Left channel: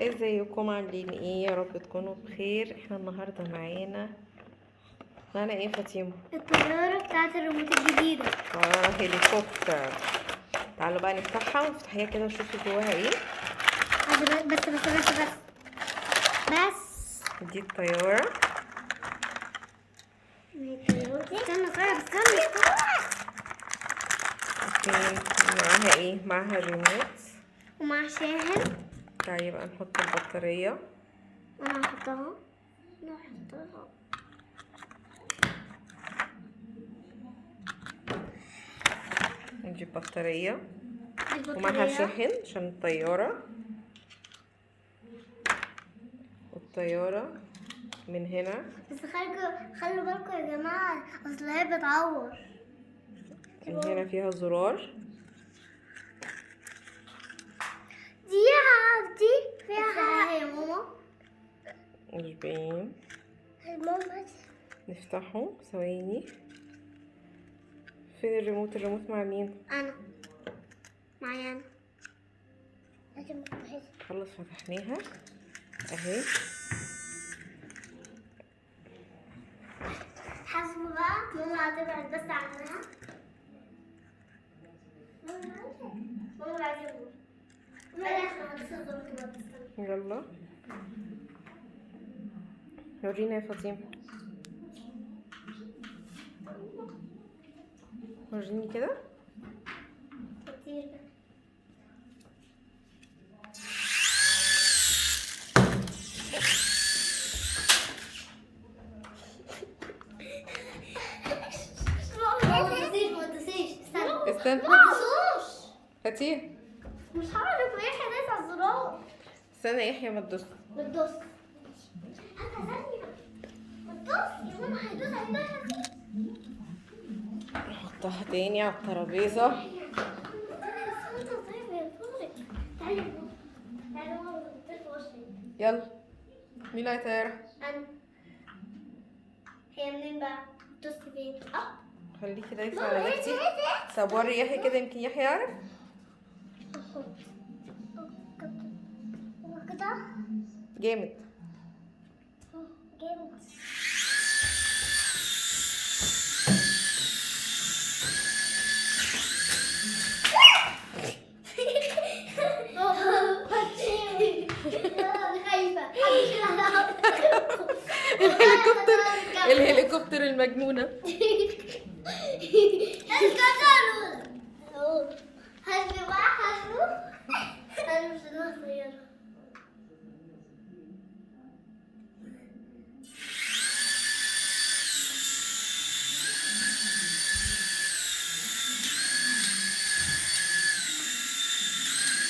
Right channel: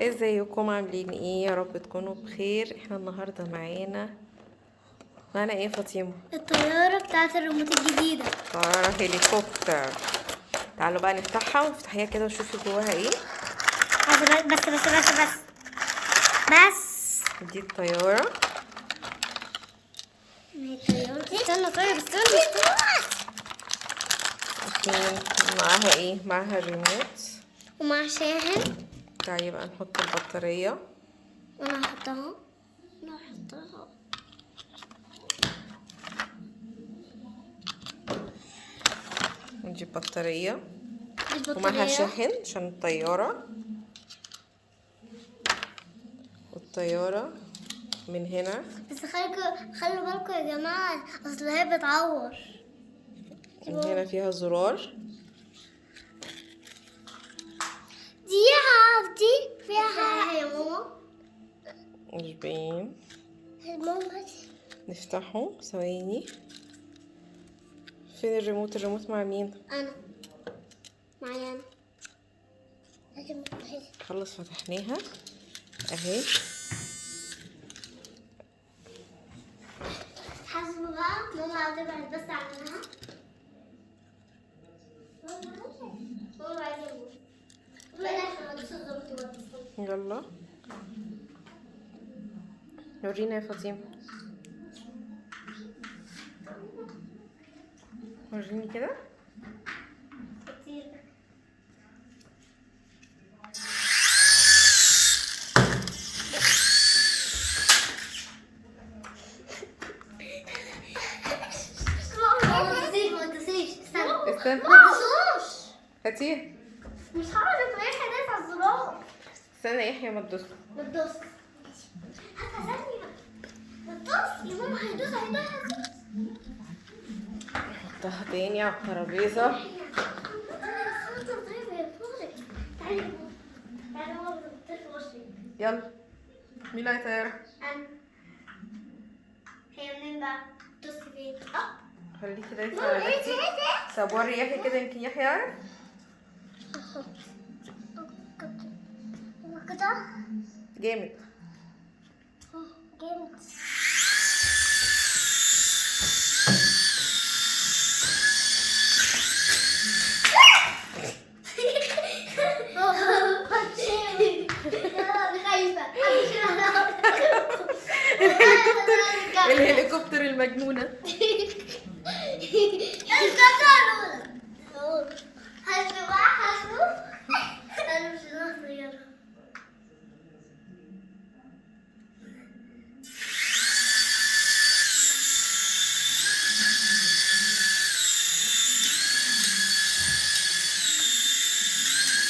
ازيكم عاملين ايه؟ يا رب تكونوا بخير. احنا النهارده معانا ايه يا فاطمه؟ الطيارة بتاعت الريموت الجديدة. طياره هليكوبتر. تعالوا بقى نفتحها ونفتحيها كده وشوفوا جواها ايه. بس دي الطياره. استنى طيب استنى معاها ايه؟ معاها الريموت ومع شاحن. طيب بقى نحط البطاريه. وانا هحطها. ودي البطاريه ومعاها شاحن عشان الطياره. والطياره من هنا. بس خلوا بالكم يا جماعة، اصل هي بتعور. من هنا فيها زرار. دي فيها يا ماما. مش باين. ماما نفتحه ثواني. فين الريموت؟ الريموت مع مين؟ انا معايا انا. لكن خلص فتحناها اهي. حاسبوا بقى ماما هتبعد بس عنها. ماما عايزة يلا ورينا يا فاطمه. وريني كده. استنى هاتيه. مش هعرف ايه حاجات على الزرار. استنى يا يحيى ما تدوس. ما تدوس. حتى ثانية. ما تدوس يا ماما، هيدوس. نحطها تاني على الترابيزه. يلا مين اللي هيطيرها؟ انا. هي منين بقى؟ دوسي فين؟ خليه كده يطلع على نفسي. طب وري يحيى كده يمكن يحيى يعرف. كده جامد. جامد. الهليكوبتر المجنونه.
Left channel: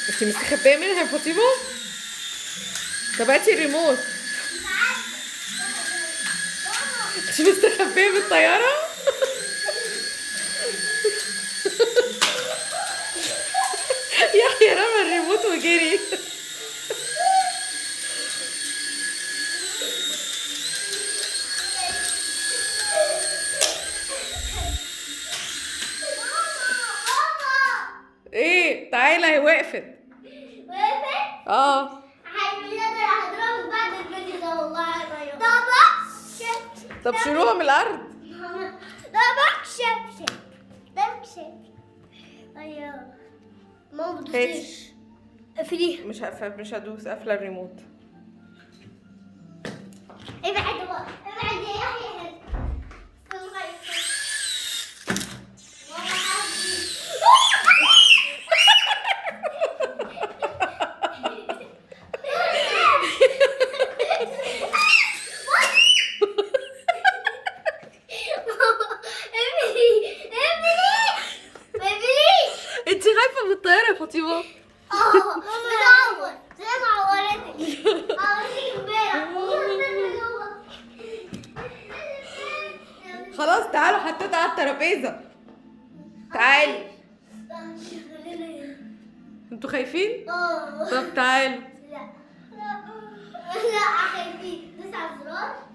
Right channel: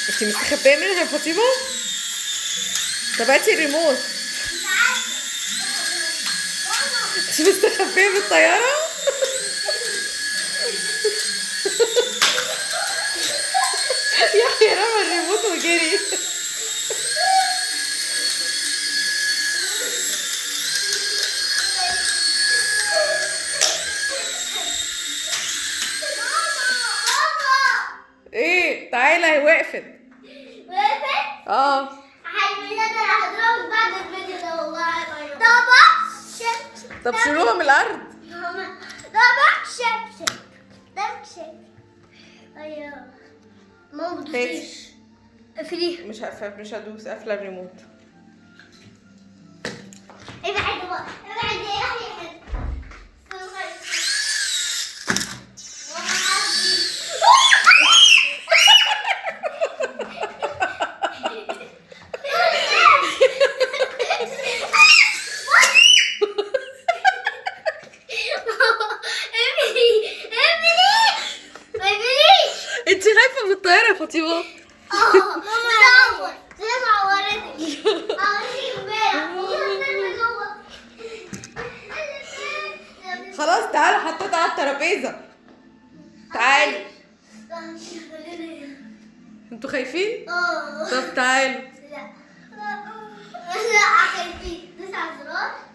انتي مستخبيه منها يا فاطمه؟ طب هاتي الريموت. انتي مستخبيه من الطياره؟ يحيى رمى الريموت وجري. ايه تعالى هي وقفت. اه طب شيلوها من الارض. ماما هاتي. قفليها. مش هدوس قافله الريموت. ابعد بقى، ابعد يا يحيى. انت خايفه من الطياره يا فاطمه؟ خلاص تعالوا حطيتها على الترابيزه. تعالوا. انتوا خايفين؟ طب تعالوا. لا خايفين. دوس على الزرار.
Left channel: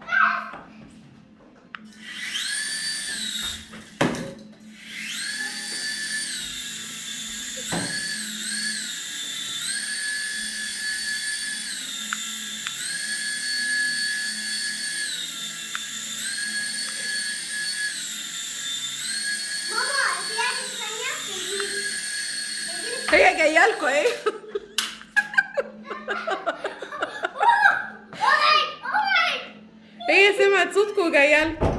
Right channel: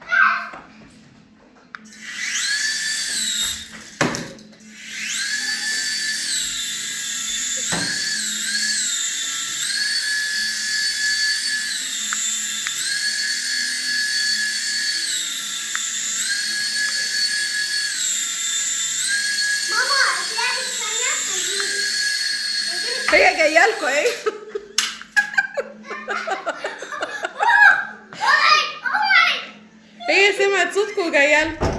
هي جايه لكم اهي. هي سمعت صوتكم وجايه لكم.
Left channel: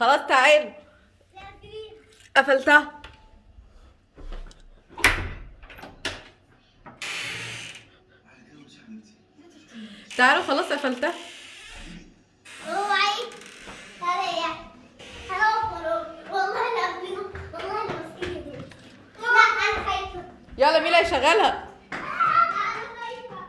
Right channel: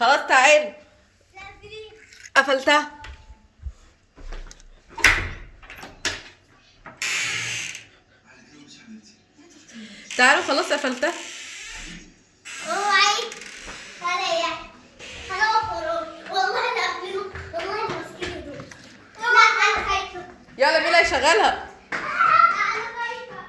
خلاص تعالوا. قفلتها. تعالوا خلاص قفلتها. اوعي عليا. والله انا اقفله، والله انا ماسكينه دول. لا انا خايفه. يلا مين اللي هيشغلها؟ انا خايفه.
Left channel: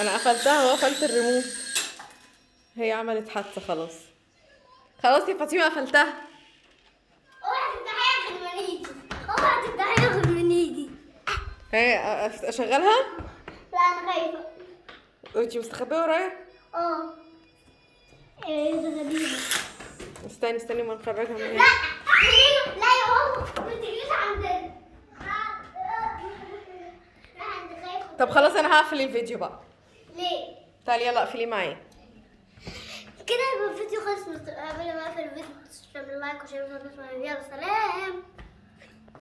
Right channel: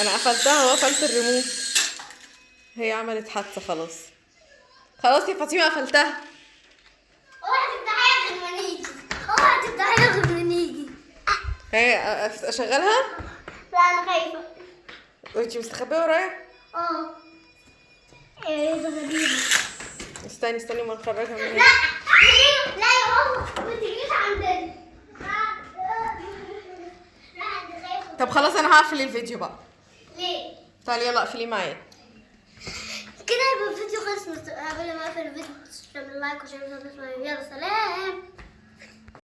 انا قفلتها وقفلت الريموت. هي عملت حادثه خلاص. خلاص يا فاطمه قفلتها. اوعي تفتحيها غير ما نيجي. اوعي تفتحيها غير ما نيجي. هي اشغلها. لا انا خايفه. وانتي مستخبيه ورايا. ايه ده غريبه. استني ما نخرجها من لا هنا. لا يا ماما ما تجيش عندنا. لا انا خايفه. طب خلاص انا هقفل الفيديو بقى. ليه؟ تعالي يلا اقفليه معايا. كده يبقى الفيديو خلص. قبل ما اقفل الفيديو تعملوا لايك وشير. يلا سلام.